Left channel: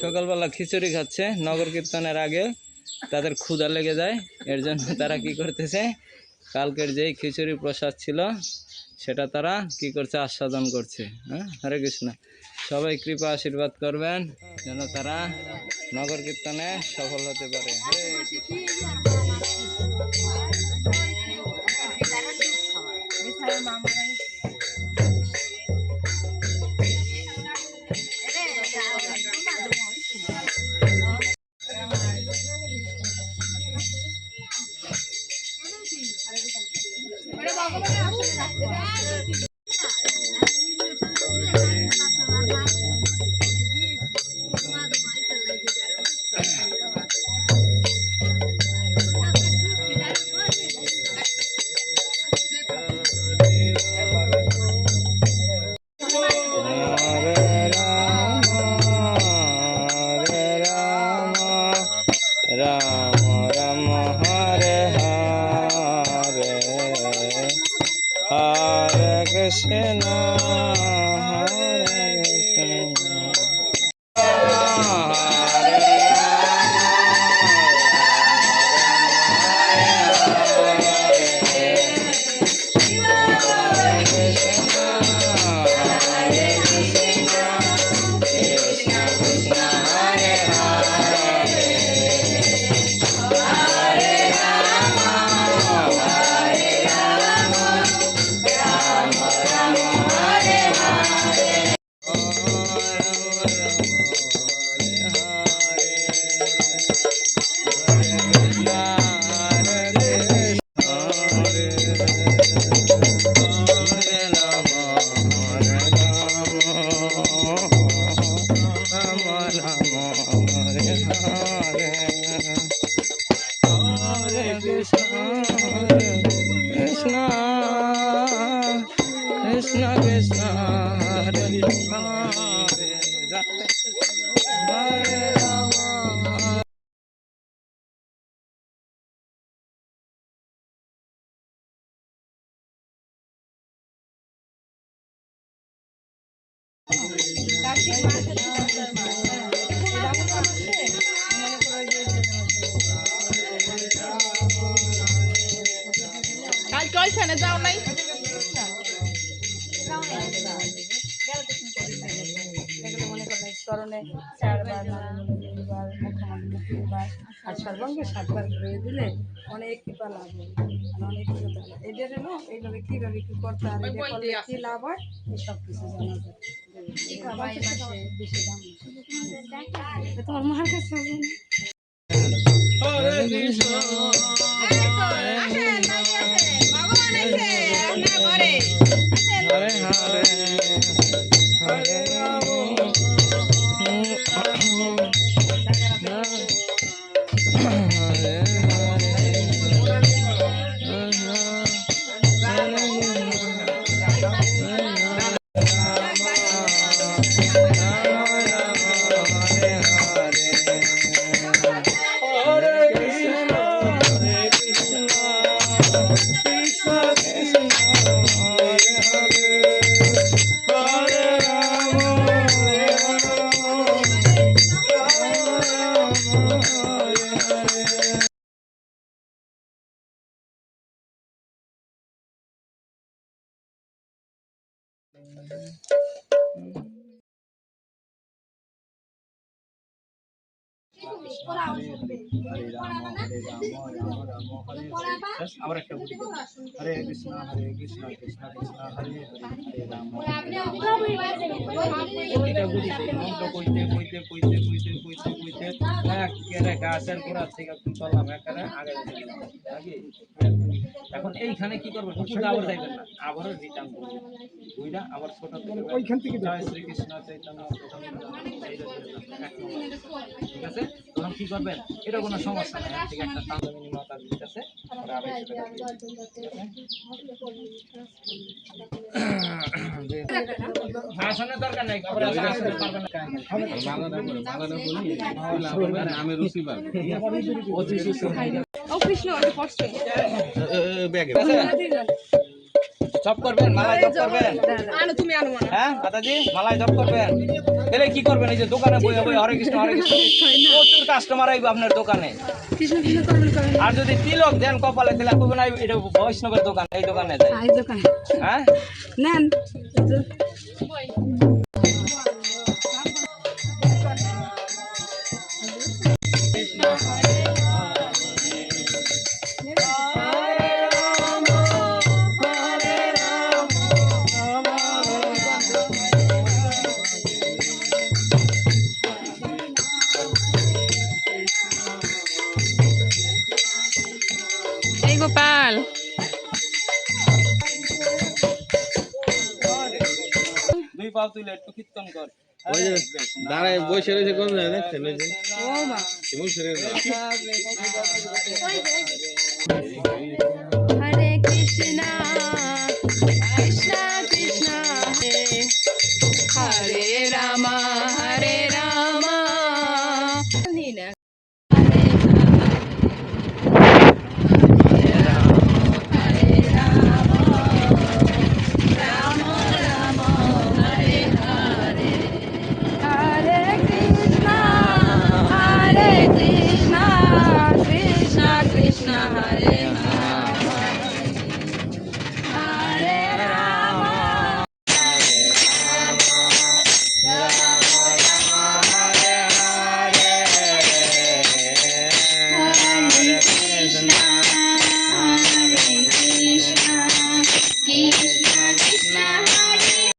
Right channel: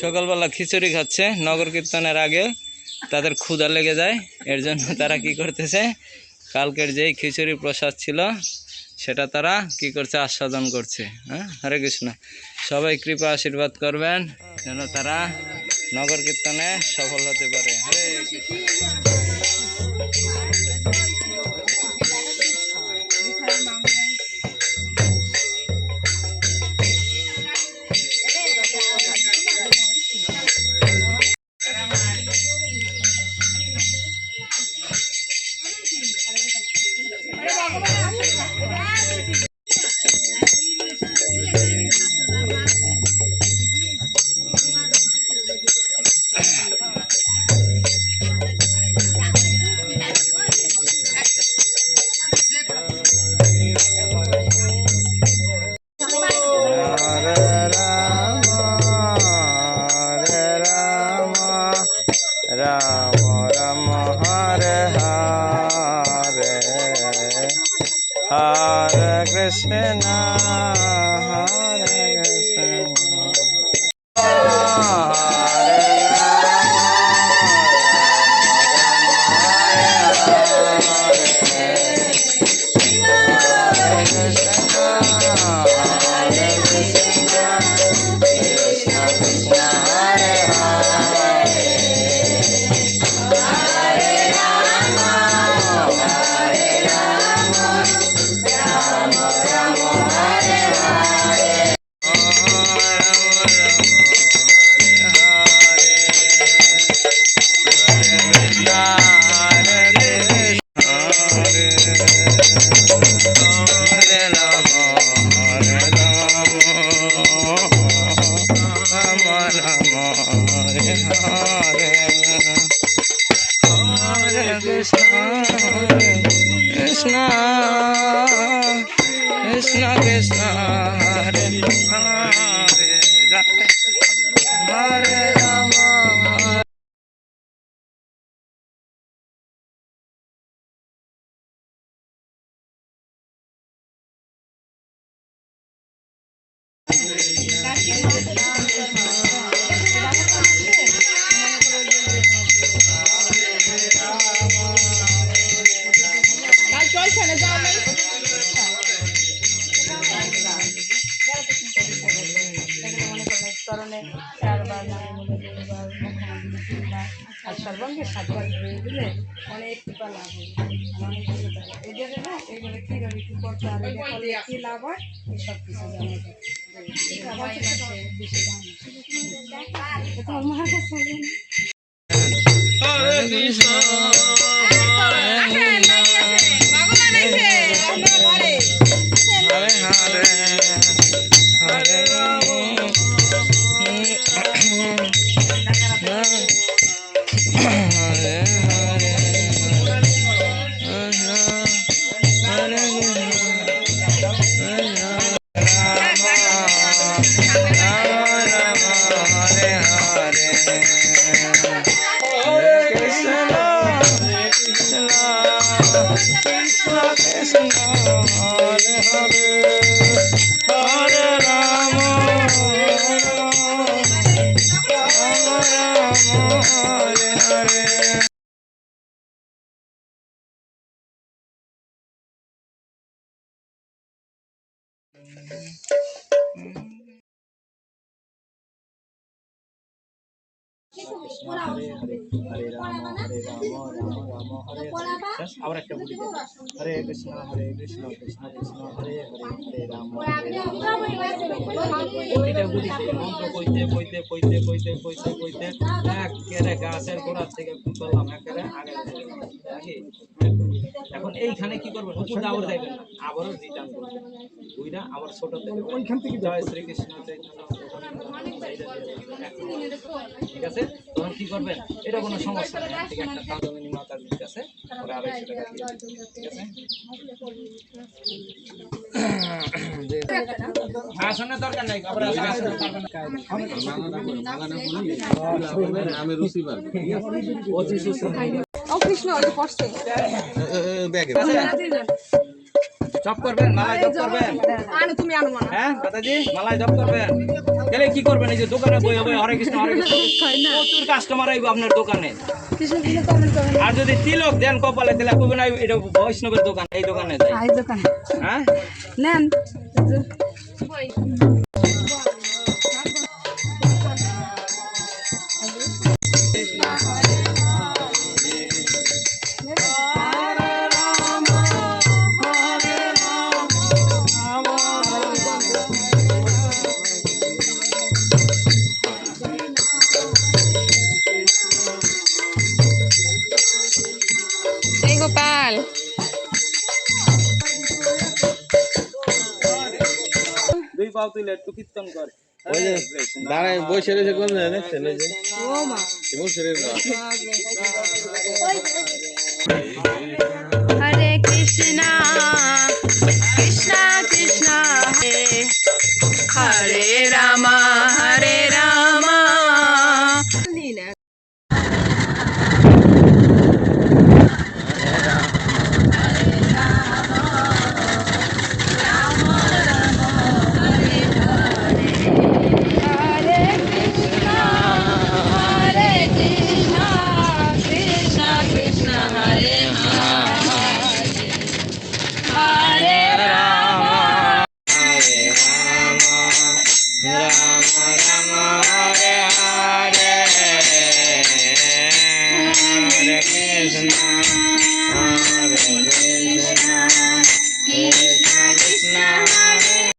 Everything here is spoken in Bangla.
সকালবেলা খিচুড়ি খাচ্ছে নগর কীর্তনের আগে। তাদের ক্ষুধা লেগে যায়, এর জন্য তারা কি করতেছে, কালকের যেই খিচুড়ি প্রসাদ ছিল সেটা তারা কি করছে, আস্বাদন করছে। হ্যাঁ, হরে কৃষ্ণ। সবাই কৃপা আশীর্বাদ করবেন যেন তারা নগর কীর্তনে সফল হতে পারে। হরে কৃষ্ণ। রাম রাম হরে হরে, হরে কৃষ্ণ হরে Krishna, Krishna Krishna Krishna Hare Hare Hare Rama. ওইখানে যাও নাই আর সর্বাঙ্গে সাতবার ঘুরে দিলে অনেক কৃপা লাভ হয়, অনেক এদের না এইভাবে কীভাবে কী করতে হবে, কী লাভ হয় সব কিছু জানা যায়। বেশি দাম তোমার মার কাছে হরে কৃষ্ণ Hare Hare Hare আবার একটা বলি, হরে কৃষ্ণ কৃষ্ণ কৃষ্ণ হরে হরে রাম মন্ত্র কইতে কইতে কইতে কইতে কইতে কইতে একেবারে গাছের গোড়া থেকে করলাম, একেবারে আগে নাকি। এখন এইখানে কি করবেন, উপর আবার যাইবেন না, আবারও রিটার্ন করবেন বুঝলা, আবার ছোট থেকে ওইখান থেকে জয় শ্রীকৃষ্ণ চৈতন্য, ঠিক আছে। তখন কি করবেন, এটা কোনো সমস্যা নেই, ঠিক একটা তাজমিনী মাতার ঠিক আছে, পরে 250 টাকা ঠিক আছে। আসনের দরকার নাই, আবার আসনের পারবেন না, আমি রুচি পার ও কৃষ্ণ ওই পড়ছে ব্যাগে জব করবেন, মালায় জব করবেন? হ্যাঁ মাতাজি, মালায় জব করবেন? তাহলে কি করবেন? এই যে দোকানে বইয়া বই হরে কৃষ্ণ প্রচুর কাস্টমার আইব আপনার দোকানে। কৃষ্ণ কৃষ্ণ করবেন করবেন আর যদি তিলক দেন কপালে তাহলে কইবেন না এটা বৈষ্ণবের দোকান, এই দোকানে যাই। এই দোকানে হ্যাঁ নেন এই গোপাল দুই পাও তুলে একটু কীর্তন কর। ওই যে দাঁড়ায় বসে রয়েছে কোন জায়গায় দেখছেন ওই যে ও মা শিমুল শরীর হরে কৃষ্ণ কৃষ্ণ কৃষ্ণ হরে হরে রাম